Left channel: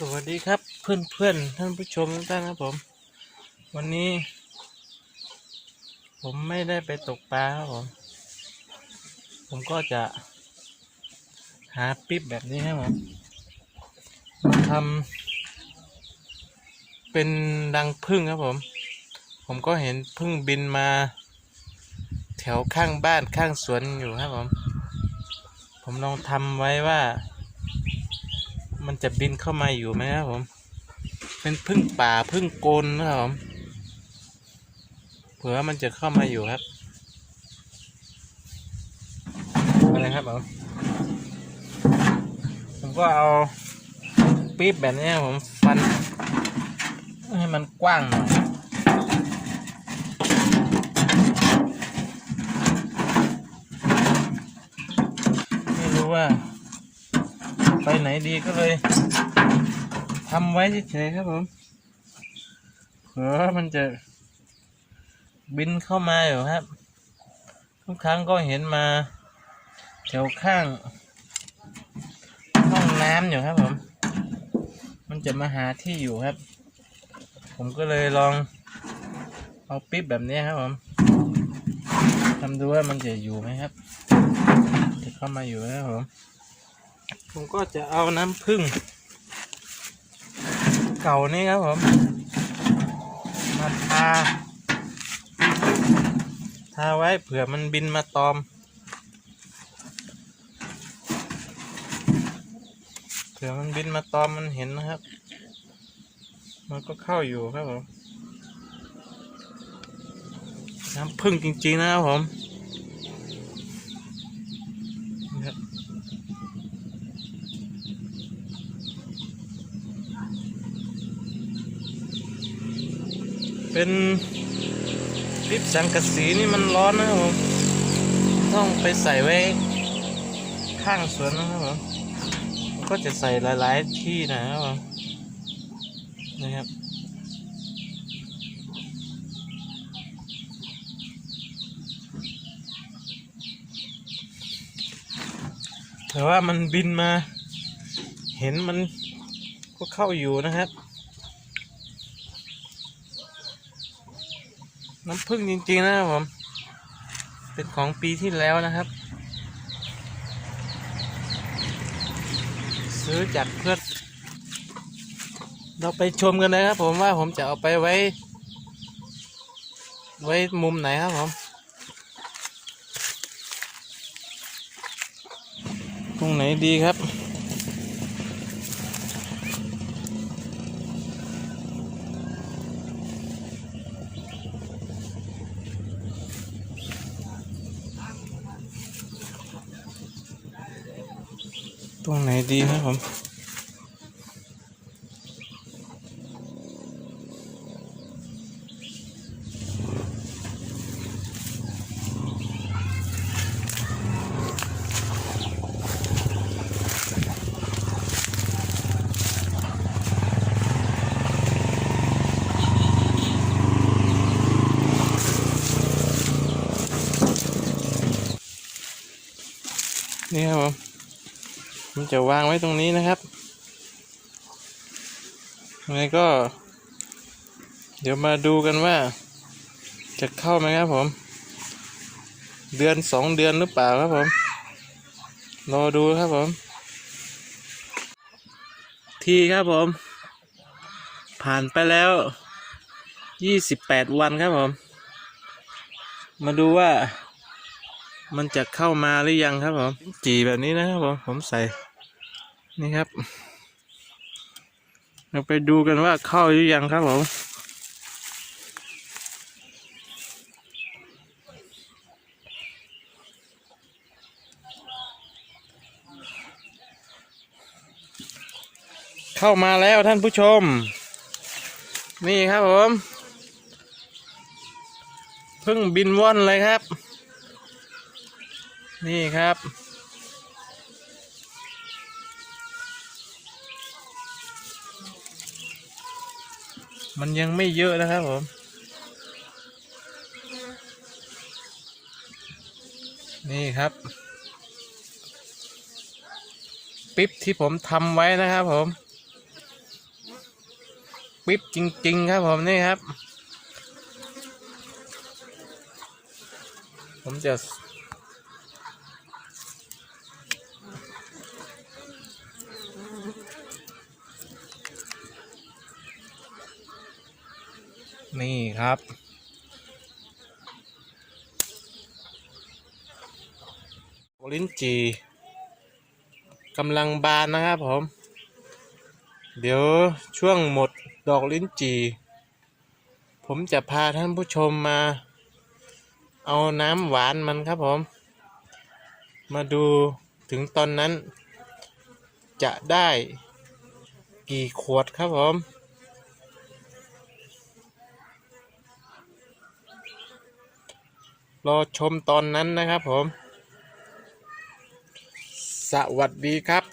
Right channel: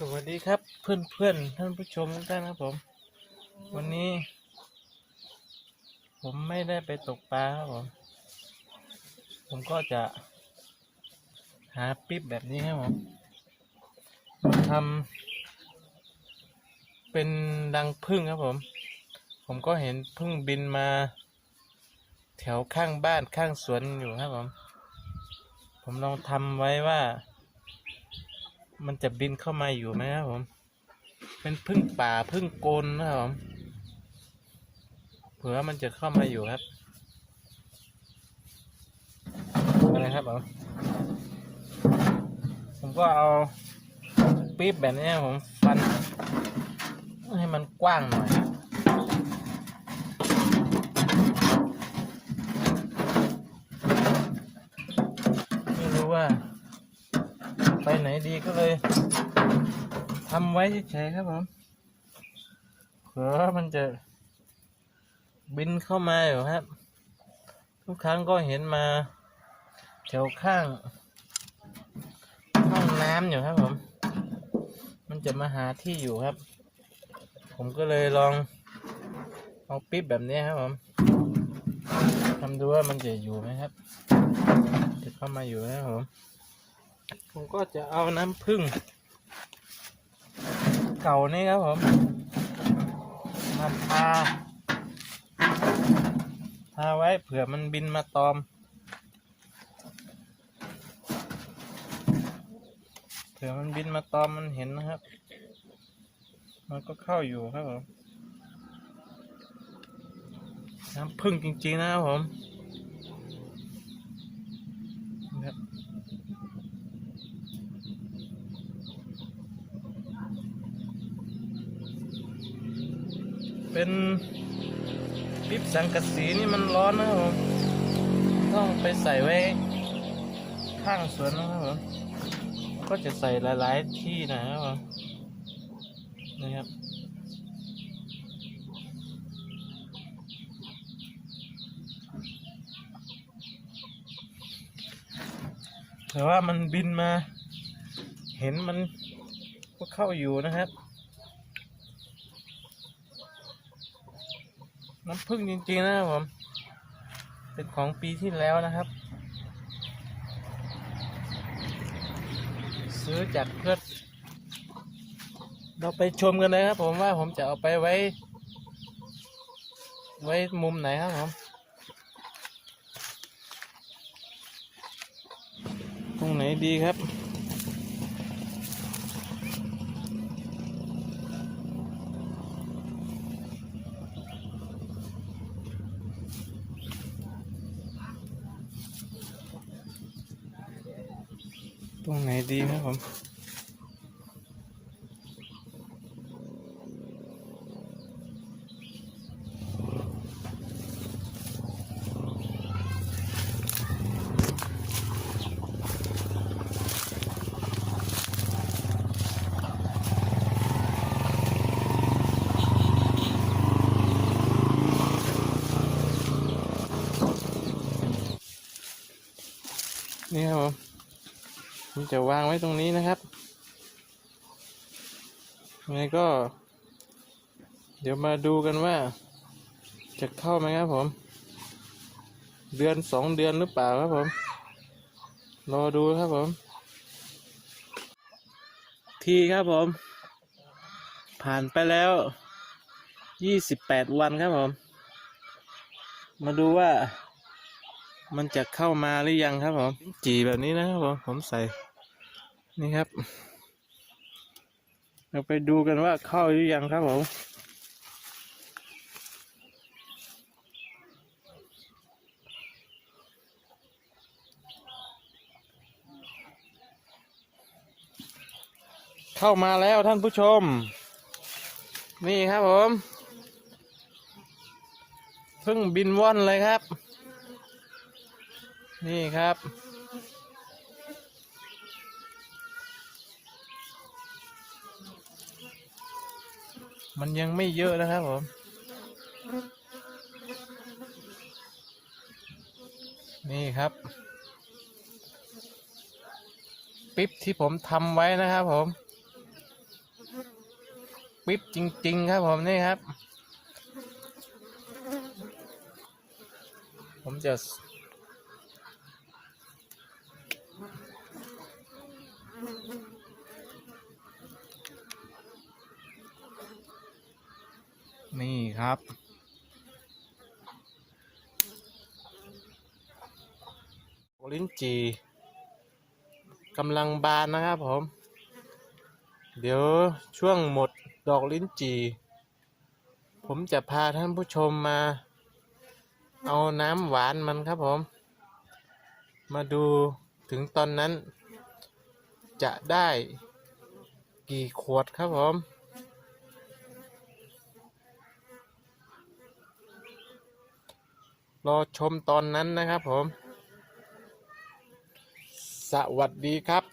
สวัสดีครับเพื่อนเพื่อนๆท่านผู้ชมทุกท่านครับผม วันนี้ ผมไม่ได้ไปตกปลาครับผม ผมก็จะ หาปิ๊บแบบนี้ครับผมมาทำเป็นรังผึ้งครับผม ผมก็เห็นผึ้งบินมา แถวข้างบ้านข้างสวนอยู่ครับผม ผมลองทำไว้ว่า มันจะบินเข้ามาอยู่ไหมครับผม เป็นพึ่งป่าพึ่งโกนนะครับผมเผื่อมันจะเข้ามาอยู่ครับนะครับผมผมก็เอาปี๊บแบบนี้ผมฟัน ให้มันกว้างหน่อยไม่รู้ว่า ไหนดีก็เลยทำไว้เฉยๆครับผมเผื่อมันจะบินเข้ามาอยู่ครับ ทุกครั้งก็เห็นมาแถวข้างห้องน้ำอยู่ครับผม มันจะมาหาที่อยู่ครับ ผมก็เลยลองเอาปิ๊บแบบนี้ครับผมทำดูว่ามันจะอยู่ไหมครับ จะเข้ามาอยู่ไหมครับผม ผมก็จะเอาน้ำผึ้งเก่านี่ครับผมมาทาทาไว้เผื่อมันบินมาตอม เผื่อมันบินมาตอมมันเห็นนะครับ มันก็เข้าอยู่ครับผมน้ำผึ้งจริงๆนะครับผมนะครับ เป็นลิปสังกะสีนี่มันร้อนนะครับผมต้องไปใส่ไว้ข้างสวนนะครับผมก็จะใส่หลายๆที่นะครับผมนะครับแต่ว่ามันบินมา เห็นมันก็เข้าอยู่นะครับ น้ำผึ้งจริงๆนะครับผม เป็นของปีที่แล้วนะครับ ซื้อจากเพื่อนเราไปชมกันเลยครับผมว่าผมจะเอาไปไว้ ไว้มุมไหนครับผม ตรงไหนดีครับ ตรงไหนดีครับผมนี่ครับผม ผมจะวางไว้ตรงนี้นะครับยังไงก็ เดี๋ยวมาดูกันว่า จะเข้าไหมครับผม เดือนสองเดือนหรือเปล่าครับผมรอดูครับผม ทีครับผม ผ่านไปแล้วยี่สิบแปดวันครับผม มาดูว่า มันจะเข้ามาหรือยังครับผมจีแบบนี้นะครับผม ผมใส่ นี่ครับเราไปดูกันว่าเข้าหรือยังครับผมเข้ามาแล้วท่านผู้ชม นี่ครับผมเพิ่งบินว่อนเลยครับ นี่ครับ มันยังไม่เยอะนะครับผม นี่ครับ ปิ๊บที่ผมทำไว้นะครับผม ปิ๊บจริง ๆ ครับผมนี่ครับ ผมจะ นี่ครับ ลิ้นจี่กำลังบานนะครับผม เดี๋ยวช่วงหมดดอกลิ้นจี่ผมจะพาท่านผู้ชมมา เอาน้ำหวานมันครับผม มาดูถึงตอนนั้น จะได้กี่ขวดครับผม รอชมตอนนั้นนะครับผม สวัสดีครับ